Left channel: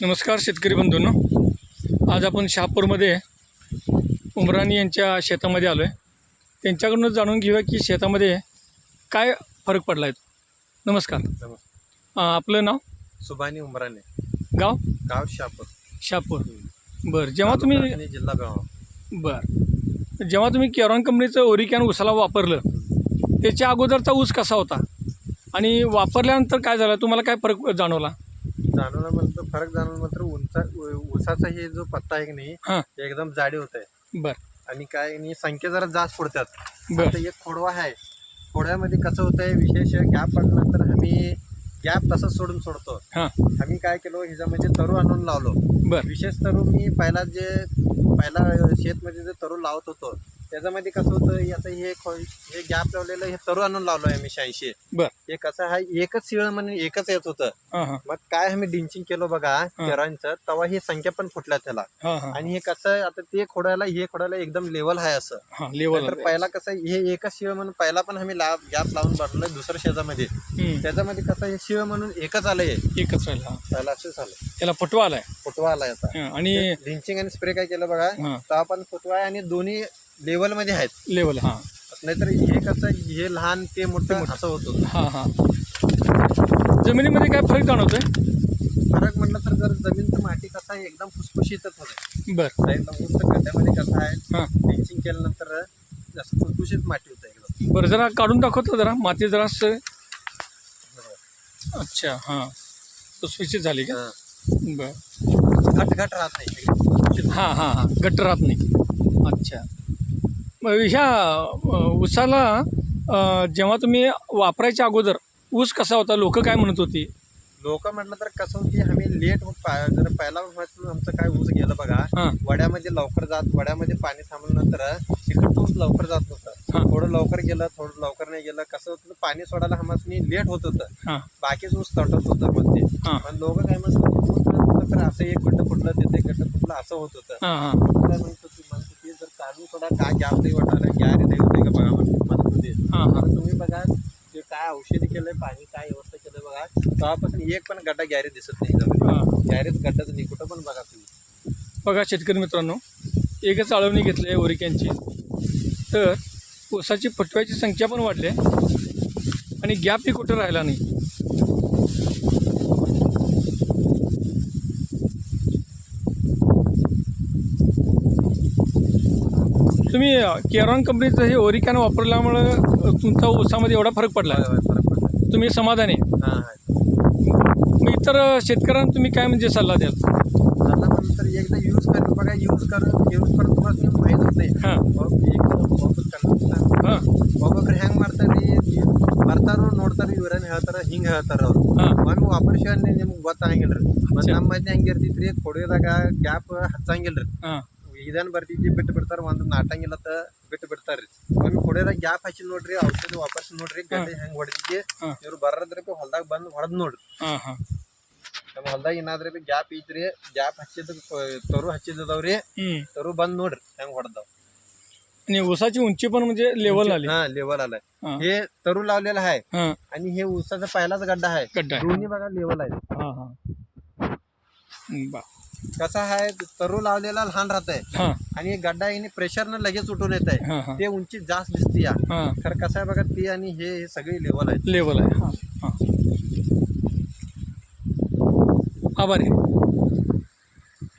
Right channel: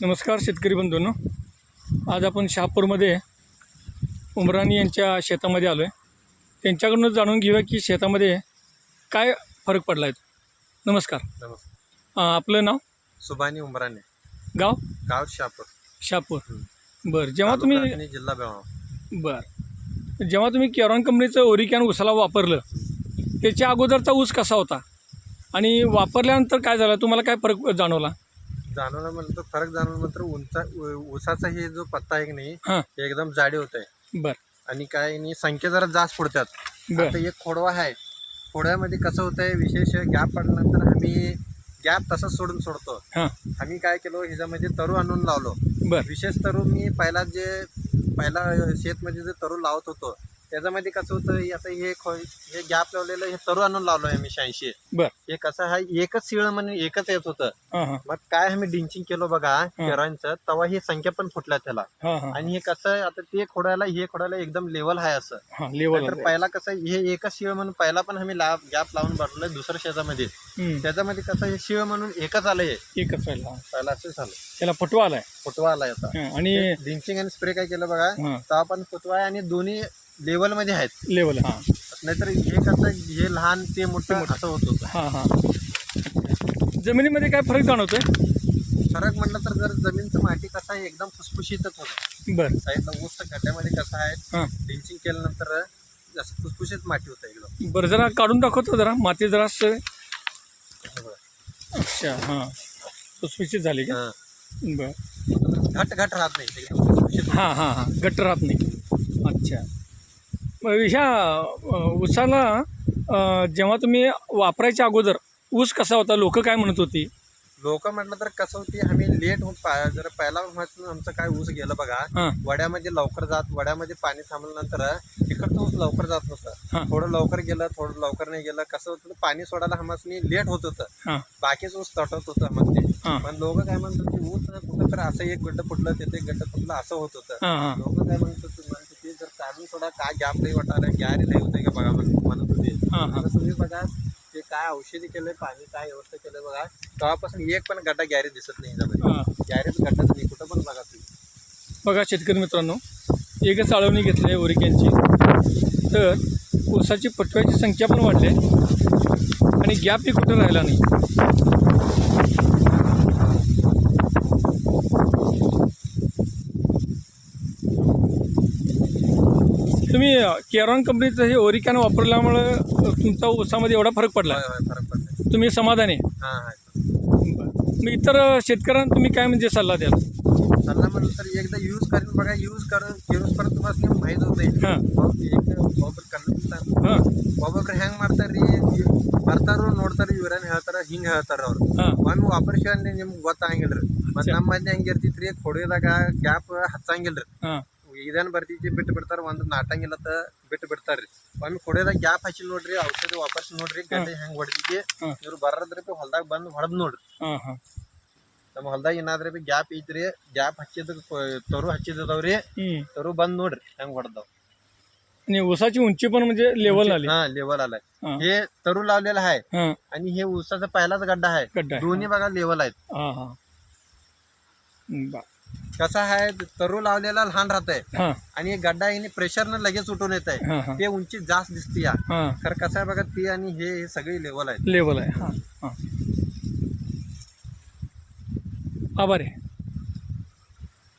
नमस्कार शेतकरी बंधूंनो, आज आपण शहापूरमध्ये उमराणी यांच्या शेतामध्ये आलो आहे. त्यांच्याकडून जाणून घेऊया की शेतामध्ये काय फरक पडला आहे. नमस्कार. नमस्कार. आपलं नाव? सुभानी उमराणे. गाव? गाव शहापूर. शहापूर. बरं. जेव्हा तुम्ही जिल्हा बेळगाव. बरं जेव्हा तुम्ही केरॉन कंपनीचं ओरिकॅन ऊसाला वापरलं, त्याच्या अगोदरचा ऊस कसा होता आणि वापरल्यानंतर काय झालं, तुम्हाला काय फरक जाणवला? जाणवलं म्हणतो फरक जाणवलं मात्र ऊसाचा हे जो पत्ता आहे की नाही हां. एकदम जाडी होत आहे. बरं आणि काय नाही संख्या जरा जास्त पडतात. बरं. आता एक खोडवा आहे. खोडव्यामध्ये कसं होत आहे, विशेष गॅप पडल्यानंतर आम्ही गॅप तसंच सोडतो. हां. आम्ही काय केलो, ह्याच्यामध्ये तरू आणून लावलो. बरं. विशेष तरू मी पहिला शेतमध्ये जे तरू लावत होतो त्याच्यामध्ये कसं होतं, आता हे गॅप लावलेलं हे तरू आणून लावलोय आम्ही 86. बरं. हे कसं आहे, एकच शिळ म्हणून एकच येत होतं. हां हां मग काय आम्ही डिंचिंग केलो बघा केरांचं, तेव्हा ही संख्या पण फुटल्या त्याला. हां हां आणि हे कसं आहे, आता ते खोडायला एकदम लेवल आहे असं. हां लेवल. तर पहिला कसं हे एकच शिळ म्हणून पहिला पण आम्ही गॅप लावून भरलोय दुसऱ्या शेतामध्ये. त्याच्यामध्ये कसं हे शिळ म्हणून एकच आलंय, एकच राहिला. पहिला असं झालं. त्याला फुटवा आलाय. फुटवा आलाय आता. आणि डिंचिंग आणि स्प्रे काय केलं बघा, हां तेव्हा पण फुटवा आहे आणि दोन्ही लेवल मध्ये आहेत. लेवल. हां नाहीतर हे कसं हे लहान ते मोठे असं होतं. हां हां जमिनीमध्ये काय फरक जाणवतोय? फरक म्हटलं तर जर जमीनचं माती कसं आहे एकदम फुसफुशीतच होतं. बरं. साईडला ऊस गड्ड्यामध्ये कसं आहे, हां. ड्रिंचिंग केल्यानंतर जास्त फुसफुशीत माती होतं एकदम. बरं, जरा काढून दाखवतो जरा माती जरा असं. हे बघा. अच्छा. हां सुस्पिचित झाली का? हां. बरं. घट राहत नाही एकदम फुसफुशीत. हां हां हां गट्ट राहत नाही. अच्छा. मग ह्या ऊसाला जेव्हा तुम्ही वापरायच्या अगोदर ऊस कसा होता, लोक काय म्हणत होती? लोक म्हटलं तर कसं होती, आम्ही लेट जर पहिला आमचं काय ऊस गेलं बघा, हां वड्यामध्ये लवकर वड्यामध्ये पाणी थांबल्यानंतर तिकडचं ऊस लवकर जात हां. नव्हतं. थोडं लवकर गेलं, थोडं लवकर नाही गेलं. कसं होतं, पाणी सोडायला आम्हाला लेट होत होतं. हां बाकीच ऊस तटत होतं मग ते. हां पण लोक काय म्हणत होते, ऊस नसलं तर असं एक गड्ड फुटलं, तिथे गड्ड फुटलं असं होत होतं. हां हां लोक काय म्हणत होते, ते जर काढून सोडा काय गॅप नाही वाटायला, गॅरी नाही होते का बघा म्हणत होते. हां हां आता तुम्ही बघा ते काय औषधी केलंय, पाणी काय व्यवस्था केलंय बघा, तेव्हापासून एक पण गड्डा गॅरी दिसत नाही. हां. गॅरीच गड्डाच नाही कुठं पण बघा तुम्ही. बघा शेतकरी मित्रांनो, एकच आळवणी घेतली आहे ओरिकॅनची, तर ऊसाची फुटव्याची संख्या पण वाढली आहे आणि गॅपही कुठं राहिला नाही. तुम्ही केरॉन कंपनीचं हे ओरिकॅन वापरल्यामुळं तुमचा ऊसामध्ये एवढा फरक पडला आहे. होय, फरक पडतो. तुम्ही समाधानी आहे? हां मग इतर शेतकऱ्यांना तुम्ही काय म्हणजे सल्ला द्याल? सल्ला म्हणलं तर एकदा यूज करून बघा, यूज करून तुम्हाला माहीत होते. हां हां ಒಬ್ಬೊಬ್ರು ಹೆಂಗ್ ಮಾಡ್ತಾರ್ರಿ, ಬರ್ತಾರೋ ನೋಡ್ತಾರ ಇವ್ರೇನ್ ಹೇಳ್ತಾರ ಹಿಂಗ್ ಹೇಳ್ತಾರ ಅವ್ರು. ಹಾಂ ಒಮ್ಮೆ ವಾಪರ್ಸಿ ನಿಮ್ಗೆ ಗೊತ್ತಾಗಂಗಿಲ್ರಿ. ಮತ್ ನಮ್ಮ ಮಂದಿ ಹೆಂಗಿರ್ತೈತ್ರಿ, ಕೊಡೋದಾಗ ಗ್ಯಾಪ್ ಹಚ್ಚಂಗಿಲ್ರಿ. ಹಾಂ ಇದೇನ್ ಬರ್ತೈತಿ ಬಿಟ್ಟು ಬಿಡ್ತಾರ, ಒಂದು ನಾಟಂಗಿಲ್ಲತ್ತ ಬಿಟ್ಟು ಬಿಡ್ತಾರ್ರಿ. ಒಮ್ಮೆ ಕೊಡೋದಾಗ ಗ್ಯಾಪ್ ಹಚ್ಚಿ ನೋಡ್ರಿ, ಔಷಧಿ ವಾಪಸ್ ನೋಡ್ರಿ, ಗಡ್ಡೆ ಹೆಂಗ್ ಹೊಡೆದಿದ್ದಿ. ಹಾಂ. ಇವ್ರು ಬರದ್ರಿ ಹೊಲ್ದಾಗ ಬಂದು ಹೊಡೆದ್ ನೋಡ್ರಿ. ಹಾಂ ಹಾಂ ನಮ್ಮ ಹೊಲ್ದಾಗ ಏನಾದ್ರಿ ಬಿ ಗ್ಯಾಪ್ ಐತ್ರಿ, ಗ್ಯಾಪ್ ಹಚ್ಚಿದ ತರು ಹಚ್ಚಿದವ್ರಿ, हं. तरू बंद ನೋಡ್ರಿ ಹೆಂಗ್ ಹೊಡೆದವ್. आणि ऊसाची उंची पण म्हणजे लेवल आली. हा लेवल आलाय. हां हे तरू लावलेलं आहे हां आणि हे ऊसाचा पहिलाच गड्डा आहे. गड्डा आहे. दोन्ही बघा लेवल आहेत. हां हां बा कसा आहे, तरू लावलेला लहान राहत आहे हां आणि हे गड्डा येणे प्रेशरनं लगेच उठून येत आहे. हां हां ते उंची जास्त दिसते या. हां खरं कसं आहे बघा, ती आणि हे सगळी लेवल आहेत. लेवल आहे. हां हां आभार आहे.